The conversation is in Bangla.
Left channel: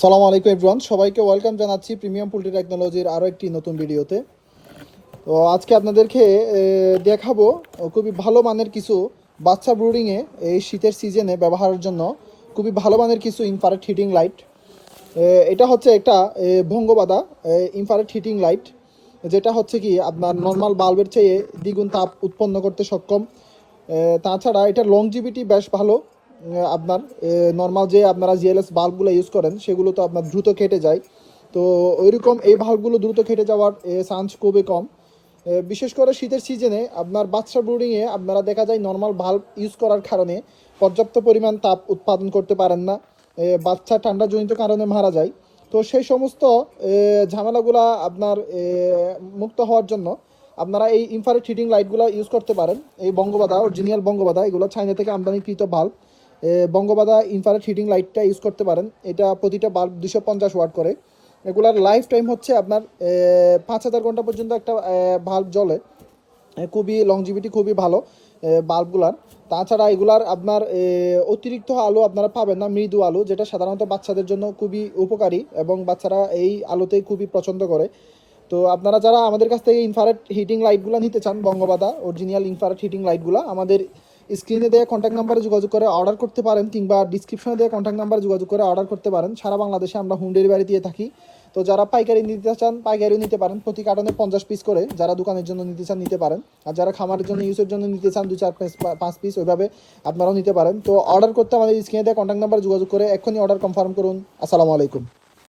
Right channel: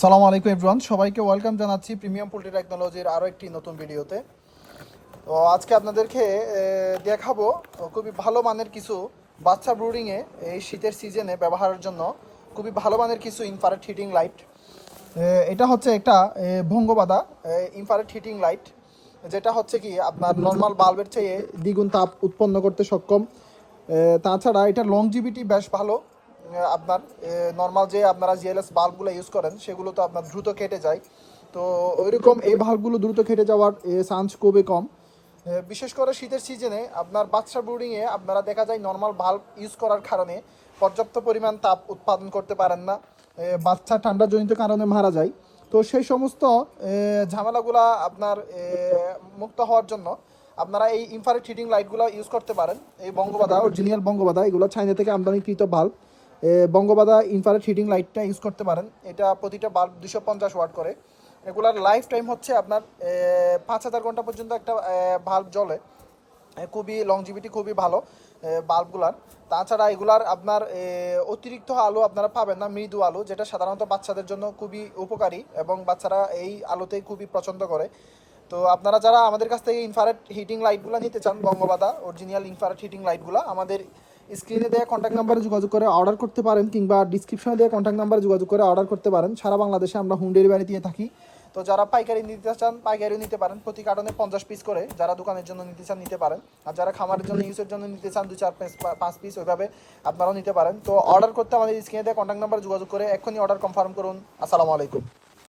সালামু আলাইকুম এভরিওয়ান, সবাইকে ওয়েলকাম জানাচ্ছি প্রিমিয়াম পোল্ট্রি টেকনোলজির আরও একটি নতুন ভিডিওতে। তো আজকে আপনাদেরকে দেখাবো খুবই ভালো মানের কিছু বাচ্চা ব্রুডিংয়ে এই শীতের সিজনে ব্যবহারের জন্য খুবই ভালো মানের কিছু ইনফ্রারেড হিটিং লাইট। এটা হচ্ছে একটা ভঙ্গবাদা ইনফ্রারেড হিটিং লাইট, যেটা হচ্ছে কি আপনার নর্মাল বাল্বের চেয়ে দ্বিগুণ তাপ উৎপন্ন করতে সক্ষম। তাছাড়া এটার লংজিভিটি বেশ ভালো। আপনার নর্মাল যে আপনারা জিএলএস বাল্বগুলো ইউজ করেন সেগুলো তো আপনার দ্রুত কেটে যায়, তো ওইরকম এই বাল্বগুলো দ্রুত কেটে যাওয়ার চান্স খুবই কম। বিশেষ করে শীতের সিজনে আপনার বাচ্চা ব্রুডিংয়ে আপনারা দেখা যায় নর্মাল বাল্ব ইউজ করার কারণে পর্যাপ্ত পরিমাণ তাপ উৎপাদন করতে পারেন না, বাচ্চা ঠান্ডাজনিত কারণে মারা যায়। তো সেই সমস্ত ঝামেলাগুলা আপনার মুক্ত হওয়ার জন্য আপনারা এই ইনফ্রারেড হিটিং লাইটগুলো ইউজ করতে পারেন। এই বঙ্গবাদা অরিজিনাল বঙ্গবাদা, এগুলো চাইনা থেকে আমদানিকৃত বাল্ব। বঙ্গবাদা ইনফ্রারেড হিটিং লাইটটা ইউজ করতে পারেন। এটা প্রতিটা বাল্ব 250 ওয়াট করে। এগুলার লাইফ টাইম হচ্ছে আপনার 5000 ঘন্টা পর্যন্ত একটা বাল্ব জ্বলে। খুবই লংজিভিটি খুবই ভালো বাল্বগুলার। তাছাড়া এগুলার আপনার অতিরিক্ত আলো আপনারা পাবেন না, মৃদু আলো, যেটা সাধারণত বাচ্চাদের জন্য খুবই উপকারী এবং বাচ্চারা এই আলোতেই খুবই পছন্দ করে। তো আপনারা যারা আমাদের কাছ থেকে ইনফ্রারেড হিটিং লাইটগুলো নিতে চান, বঙ্গবাদা অরিজিনাল ইনফ্রারেড হিটিং লাইটগুলো, আমাদের স্ক্রিনে দেওয়া কন্ট্যাক্ট নাম্বারে যোগাযোগ করে অর্ডার করতে পারেন, কিংবা ডিসক্রিপশনে দেওয়া কন্ট্যাক্ট নাম্বারে যোগাযোগ করে অর্ডার করতে পারেন। সারা বাংলাদেশে আমরা হোম ডেলিভারি দিয়ে থাকি। তো যারা পাইকারি নিতে চান পাইকারিও নিতে পারেন, প্রতি কার্টনে 50 পিস করে। যারা দোকানের জন্য নিতে চান নিতে পারেন, আর যারা খামারের জন্য ইউজের জন্য নিতে চান 2-4-5 পিস ওইভাবে আপনারাও নিতে পারেন। তো অর্ডার করতে আমাদের স্ক্রিনে দেওয়া কন্ট্যাক্ট নাম্বারে যোগাযোগ করে এক্ষুনি অর্ডার কনফার্ম করুন। আসসালামু আলাইকুম।